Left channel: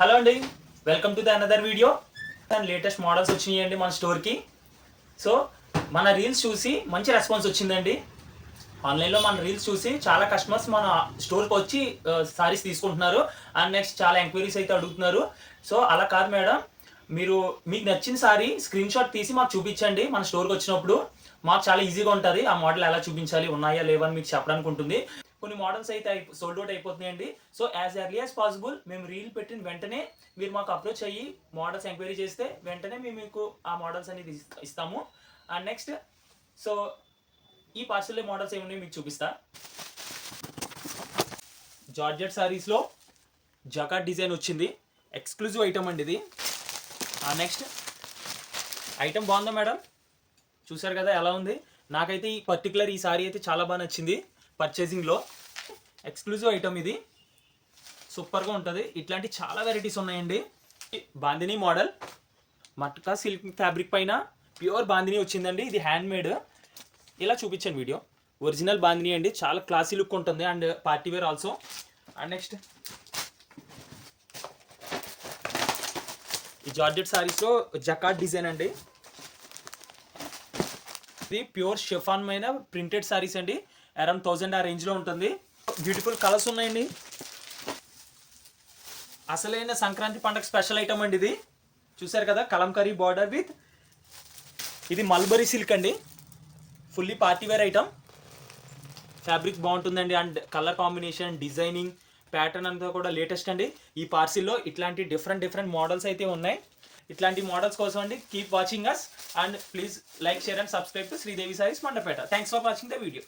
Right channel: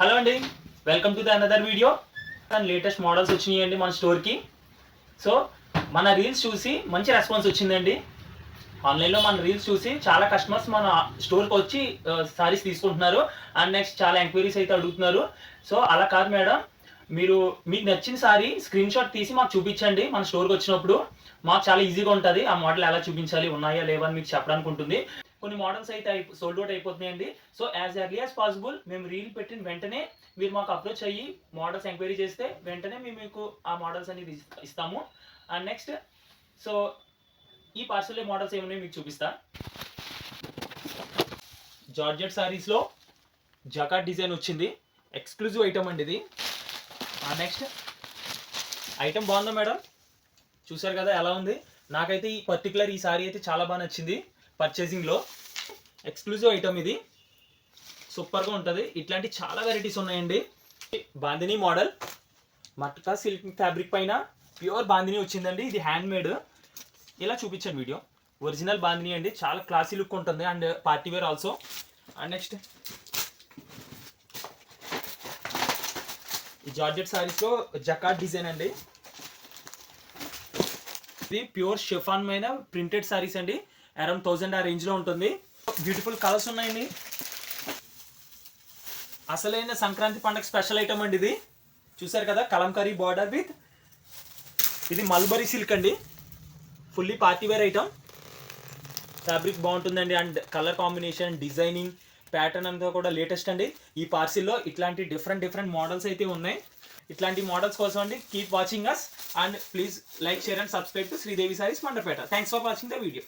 Hello అండి, welcome to the another video. Latest models వచ్చినాయండి మన స్టోర్కి. సో మన రీల్స్ చూసి మంచి రెస్పాన్స్ వచ్చిందండి. ఆన్లైన్లో మన రీల్స్ చూసి చాలా కస్టమర్స్ మన స్టోర్కి వచ్చి సారీస్ తీసుకుంటున్నారు. అండ్ నెక్స్ట్ చాలా ఎంక్వైరీస్ అయితే అడుగుతున్నారు. సో అలా కాదు మేడం, మీకు నచ్చిన సారీ స్క్రీన్ షాట్ తీసి మాకు చూపించండి. మన స్టోర్కి వచ్చినప్పుడు మాకు చాలా ఈజీగా ఉంటుంది ఆ మోడల్ ఎలా చూపించాలి, ఉన్నాయా లేవా అని మీకు చెప్పడానికి ఉంటుంది. కొన్ని మోడల్స్ అయితే సోల్డ్ అవుట్ అయిపోతున్నాయండి. So as early as possible మేము రీల్ పెట్టిన వెంటనే మీరు మాకు అప్రోచ్ అయ్యి మోడల్స్ ఎంక్వైరీ చేస్తే వెంటనే మేము మీకు ఆ మోడల్స్ అనేది ఇస్తాము. అండ్ నెక్స్ట్ సో ఈ పార్సల్ మోడల్స్ ఏమున్నాయో మీకు చూపిస్తా. జార్జెట్ సారీస్లో జకాట్ డిజైన్ వచ్చింది, ఎక్స్క్లూజివ్ ఐటమ్ అండి ఇది. నెక్స్ట్ ఐటమ్ బాగుందా మేడం? చూసారు కదా ఎలా ఉంది. నాకైతే ఈ సారీ అయితే చాలా బాగా నచ్చింది. పర్చేసింగ్లో ఎక్స్క్లూజివ్ ఐటమ్ ఇది, సూపర్గా ఉంటుంది. ఇట్లాంటి చాలా వెరైటీస్ ఉన్నాయండి. Bandhani model matka silk fabric పైన ప్యూర్ బాందిని వచ్చిందండి. ఇది హ్యాండ్ మేడ్. ఇలా చూపించాను వీడియో. ఒరిజినల్ బాందిని అండి, చాలా క్లాసీ లుక్ ఉంటుంది and party wear also. And next ఈ జార్జెట్ సారీస్లో జకాట్ డిజైన్ అండి. ఇది ప్యూర్ షిఫాన్ మీద ప్రింటెడ్ సారీస్ అండి. అరౌండ్ 1000 ఆ రేంజ్లో ఉంటుంది. బ్యూటిఫుల్ కలర్స్ ఉన్నాయండి. అసలైన సంక్రాంతి పండుగ స్పెషల్ ఐటమ్ అండి ఇది. చూసారు కదా, కలంకారీ బార్డర్ విత్ ఇది మల్బరీ సిల్క్ అండి. Fully party wear item. Fabric బాగుంటుందండి and colour combination, designing, pattern అంతా కూడా లేటెస్ట్ అండి. ఈ పార్సిల్లో ఇట్లాంటి డిఫరెంట్ మోడల్స్ అయితే ఉన్నాయి. ఇట్లాంటి మోడల్స్ కోసం అండి keep watching us and please like, share and subscribe to Sridevi Sarees Mandapeta. Thanks for watching the video.